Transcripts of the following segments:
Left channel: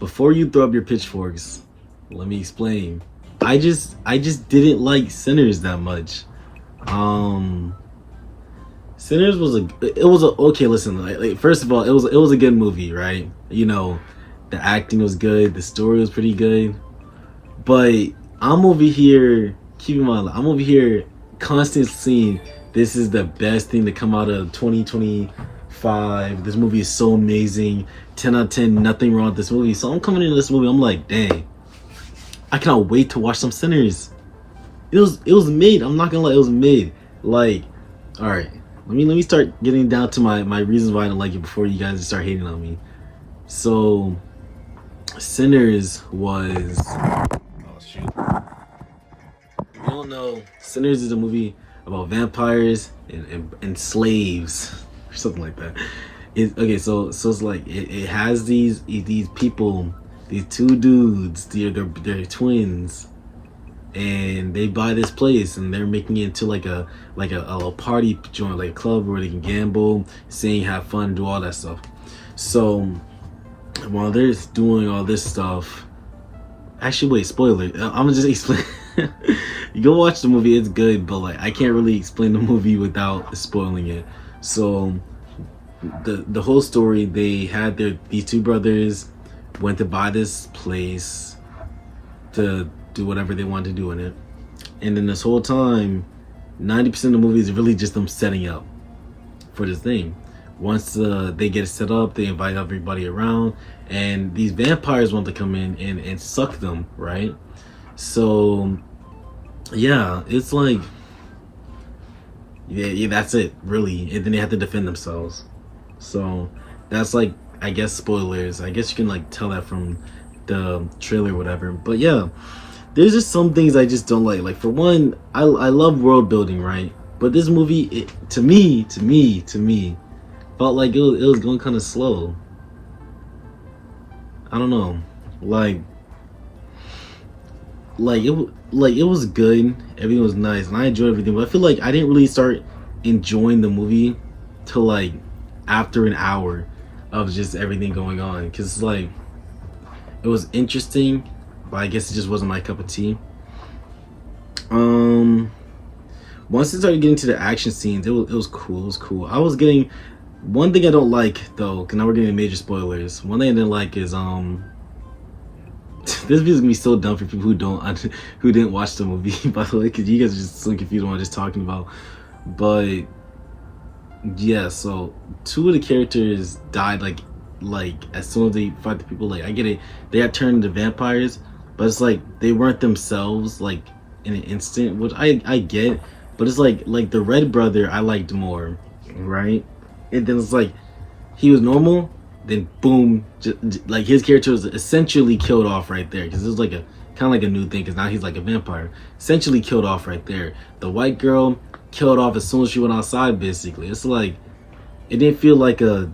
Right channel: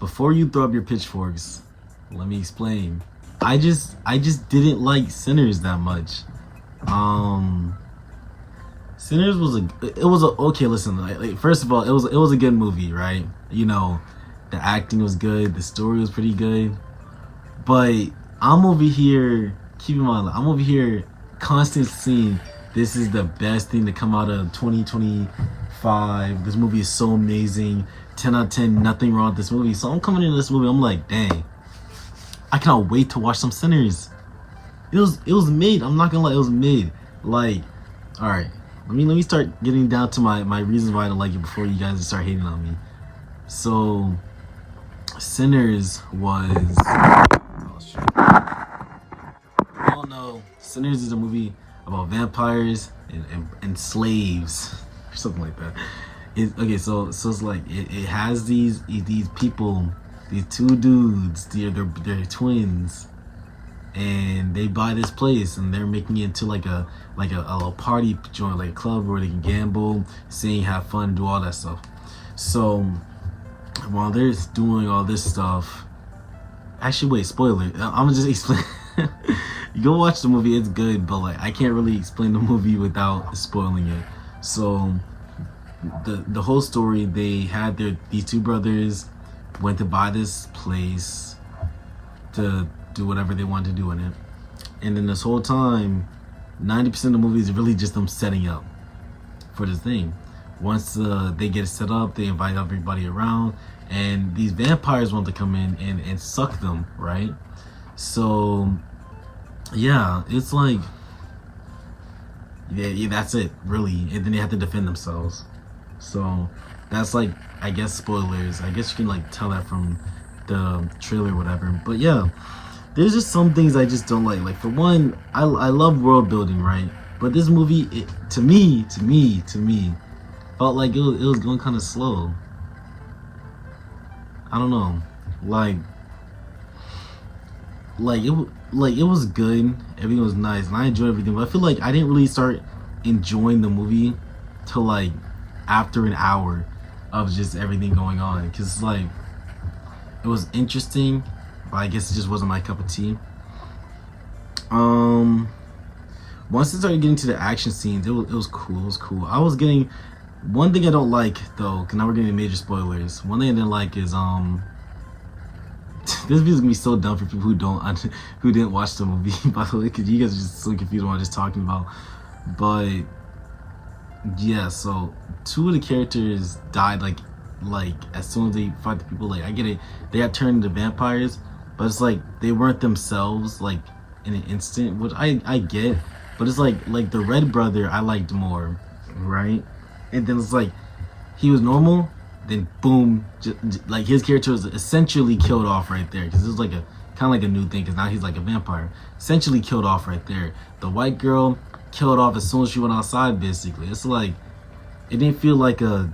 before you throw up your pitchforks, let me explain. I just didn't like Sinners that much. Um, Sinners was a okay. Listen, first of all, it was a good movie, right? The acting was good, the story was pretty good, but I'm over here. Keep in mind, I'm over here constantly seeing this is the best thing to come out of 2025. This movie is so amazing. 10 out of 10, nothing wrong with this movie. So I'm coming into this movie, I'm like, dang, I cannot wait to watch some Sinners. It was mid. I'm not gonna lie, it was mid. Like, all right, let me start getting down to my reasons why I don't like it before you guys start hating on me. So, Sinners was. Oh shit. We all know Sinners is a movie about vampires and slaves or something like that. Okay, so it's like it has these people, these two dudes, they're twins, and they buy this place and they're making it into like a party joint, like a club where they can gamble, sing, have fun, do all that stuff. So while they're doing all this stuff, actually, wait, spoiler. I'm gonna just explain. You go watch the movie; it's good, but like I can't really explain the movie without spoiling it. So, the whole story, they had these two brothers went to buy this place to do whatever they wanted to do in it, and then this whole time, 90% of the movie is really just them setting up for this thing. Once they get it set up, they invite everybody around, and these vampires want to come in and suck them, right? So, yeah, it's like, yeah, that's it, really. And then they have to defend themselves. So, that's like, I guess, spoilers. I guess you can like tell that from the trailer or whatever. But yeah, there's just some things I just don't like. Like, for one, I love world building, right? But this movie, to me, felt like it was going kind of slow. I don't know, like it was good. Everything was nice, and I enjoyed everything. But I feel like I didn't really start enjoying the movie till like after an hour of just everything going on. Because it's like it was interesting, but I guess it just wasn't my cup of tea. Once it started getting to the action scenes, it was cool. It was cool. I was getting. One thing I don't like though, because now we're getting major spoilers. One thing I didn't like is this video is gonna be so dumb for people who didn't watch the movie, by the way, because you guys are just so confused on what I'm just talking about. But yeah, so two of the characters died like as soon as they fight the people. Like, I get it, they had turned into vampires, but it's like they weren't themselves like in an instant, which I get. But it's like the red brother I liked more, right? And then it's like he was normal, then boom, like his character was essentially killed off right there, because it was like a kind of like a new thing, because now he's like a vampire, essentially killed off right there. The white girl killed off as soon as she went outside. Basically, it's like it didn't feel like a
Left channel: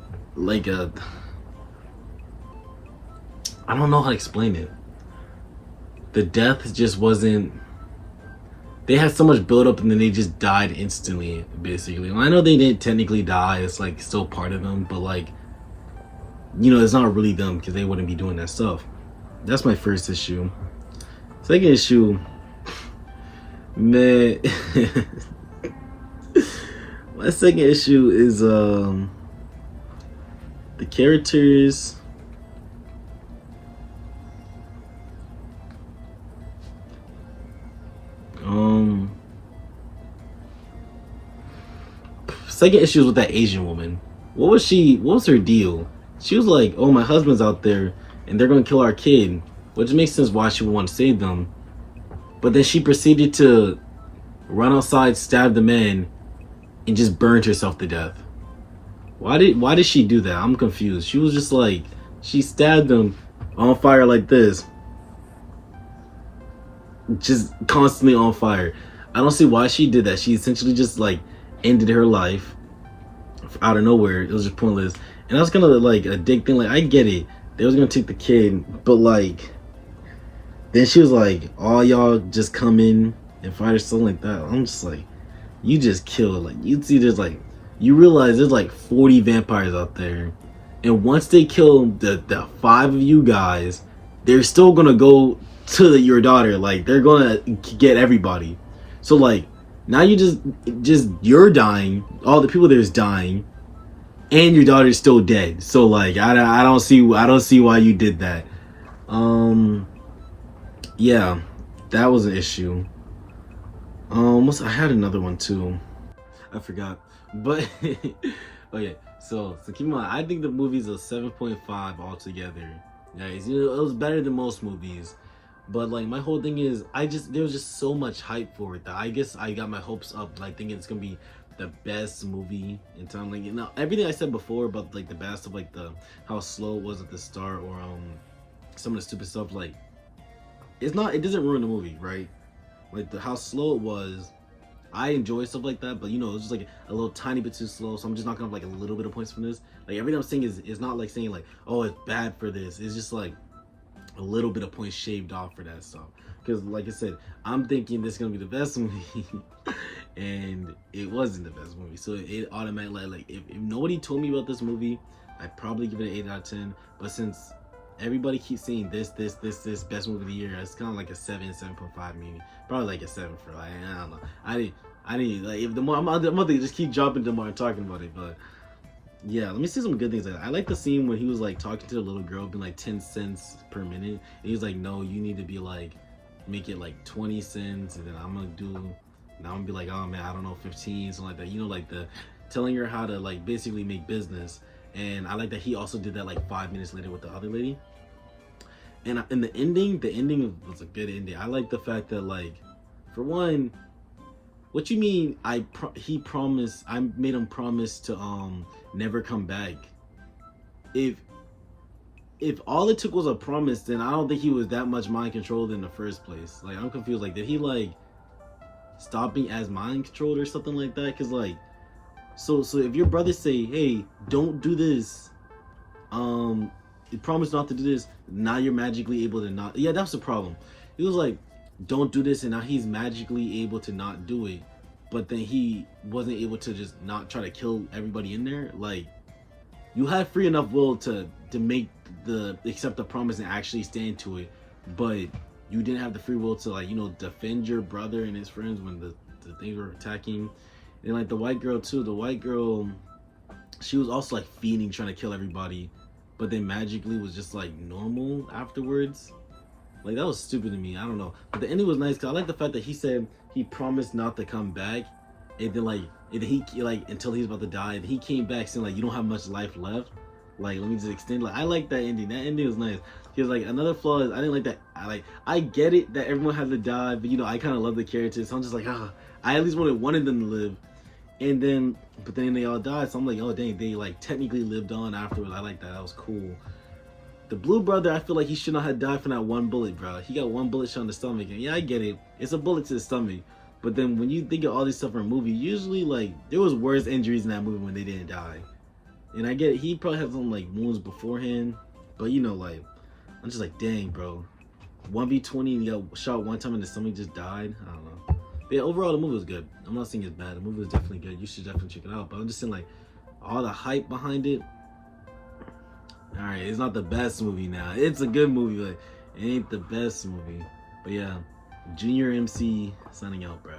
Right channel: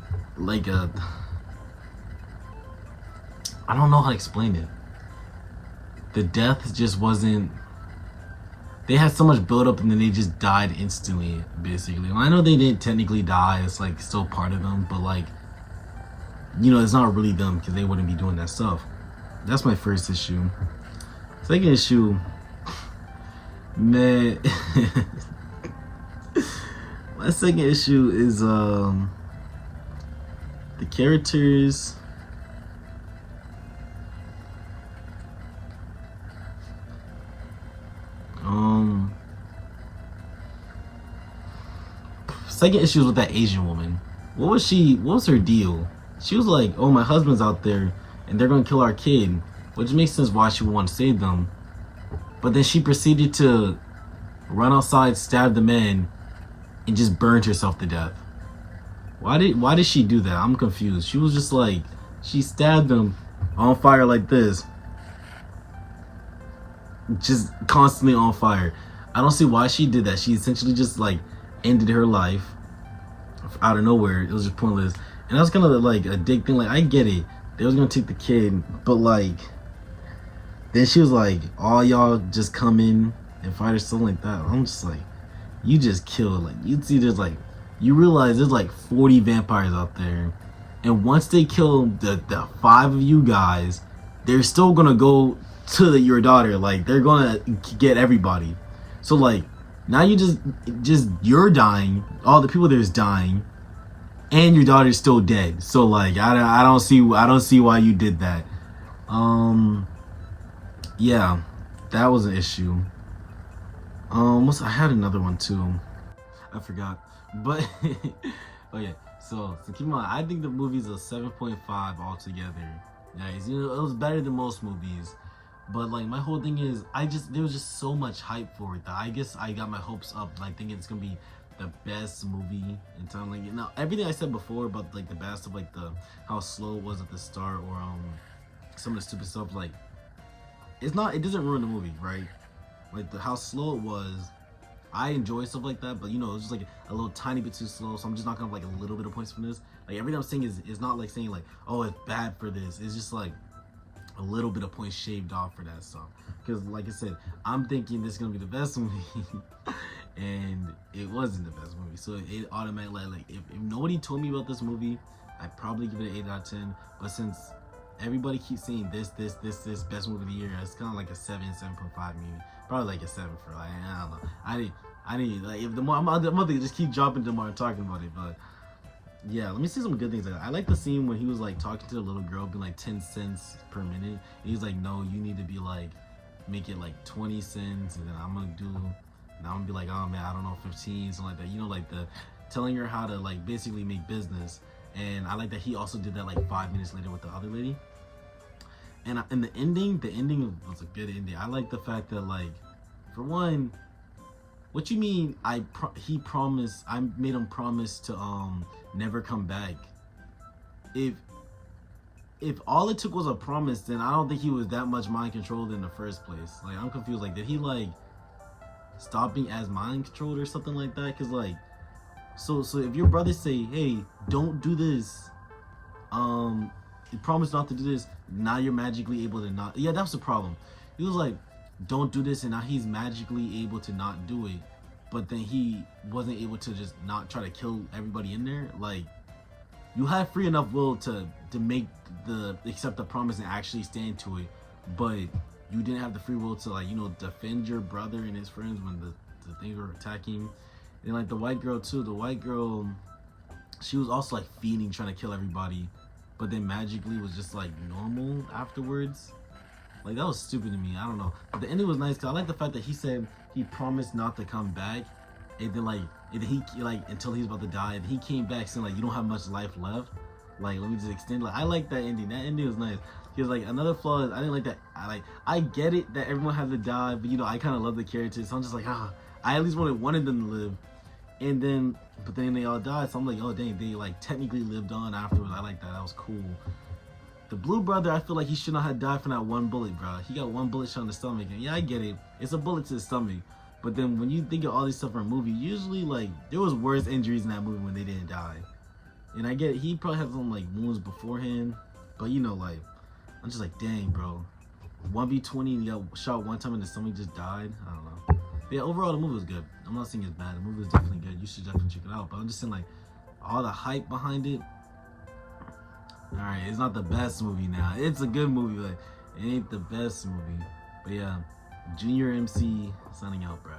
I don't know how to explain it. The death just wasn't. They had so much build up and then they just died instantly, basically. Well, I know they didn't technically die, it's like still part of them, but like, it's not really them, because they wouldn't be doing that stuff. That's my first issue. Second issue, man. My second issue is the characters. Second issue is with that Asian woman. What was her deal? She was like, oh, my husband's out there and they're gonna kill our kid, which makes sense why she would want to save them. But then she proceeded to run outside, stab the man, and just burned herself to death. Why did she do that? I'm confused. She was just like, she stabbed him on fire like this, just constantly on fire. I don't see why she did that. She essentially just like ended her life out of nowhere. It was just pointless. And that's kind of like a dick thing. Like, I get it, they was gonna take the kid, but like then she was like, all y'all just come in and fight or something like that. I'm just like, you just killed. Like, you see, you realize there's like 40 vampires out there, And once they kill the 5 of you guys, they're still gonna go to your daughter. Like they're gonna get everybody. So like now you just you're dying. All the people there's dying, and your daughter's still dead. So like I don't see why you did that. Yeah, that was an issue. I had another one too. I forgot. But okay, so keep in mind, I think the movie's a 7.5 altogether. Guys, you know, it was better than most movies. But like my whole thing is there was just so much hype for it that I guess I got my hopes up, like thinking it's gonna be the best movie in time. Like, you know, everything I said before about like the bad stuff, like the how slow it was at the start, or some of the stupid stuff, like it doesn't ruin the movie, right? Like how slow it was, I enjoy stuff like that, but you know, it's just like a little tiny bit too slow. So I'm just not gonna have like a little bit of points from this. Like everything I'm saying is not like saying like, oh, it's bad for this. It's just like a little bit of points shaved off for that stuff. Because like I said, I'm thinking this is gonna be the best movie, and it wasn't the best movie. So it automatically, like if nobody told me about this movie, I'd probably give it an 8 out of 10. But since everybody keeps saying this best movie of the year, it's kind of like a 7.5 maybe. Probably like a 7 for like, I don't know. I didn't like, if the more I'm gonna just keep dropping the more I'm talking about it. But yeah, let me say some good things. Like I like the scene when he was like talking to the little girl, being like 10 cents per minute. And he's like, no, you need to be like, make it like 20 cents, and then I'm gonna be like, oh man, I don't know, 15, something like that. You know, like the telling her how to like basically make business. And I like that he also did that like 5 minutes later with the other lady. And in the ending was a good ending. I like the fact that, like, for one, what you mean? He promised. I made him promise to never come back. If all it took was a promise, then I don't think he was that much mind controlled in the first place. Like I'm confused. Like did he like stop being as mind controlled or something like that? Cause like, so if your brother say, hey, don't do this, you promise not to do this, now you're magically able to not. Yeah, that's the problem. He was like, don't do this, and now he's magically able to not do it, but then he wasn't able to just not try to kill everybody in there. Like you had free enough will to make accept the promise and actually stand to it, but you didn't have the free will to, like, you know, defend your brother and his friends when the things were attacking. And like the white girl too, she was also like fiending, trying to kill everybody, but then magically was just like normal afterwards. Like that was stupid to me. I don't know, but the ending was nice because I like the fact that he said he promised not to come back, and then he like until he's about to die, and he came back saying like, you don't have much life left. Like let me just extend. Like I like that ending. That ending was nice. He was like, another flaw is I didn't like that. I get it that everyone had to die, but you know I kind of love the characters, so I'm just like, I at least wanted them to live. And then, but then they all died, so I'm like, oh dang, they like technically lived on afterwards. I like that. That was cool. The blue brother, I feel like he should not have died from that one bullet, bro. He got one bullet shot in the stomach, and yeah, I get it. It's a bullet to the stomach. But then when you think of all these stuff in a movie, usually like there was worse injuries in that movie when they didn't die. And I get it, he probably had some like wounds beforehand, but you know, like I'm just like, dang, bro. 1v20 and you got shot one time and the stomach just died. I don't know. But yeah, overall the movie was good. I'm not saying it's bad. The movie was definitely good. You should definitely check it out. But I'm just saying, like, all the hype behind it. Alright, it's not the best movie now. It's a good movie, but it ain't the best movie. But yeah, Junior MC signing out, bro.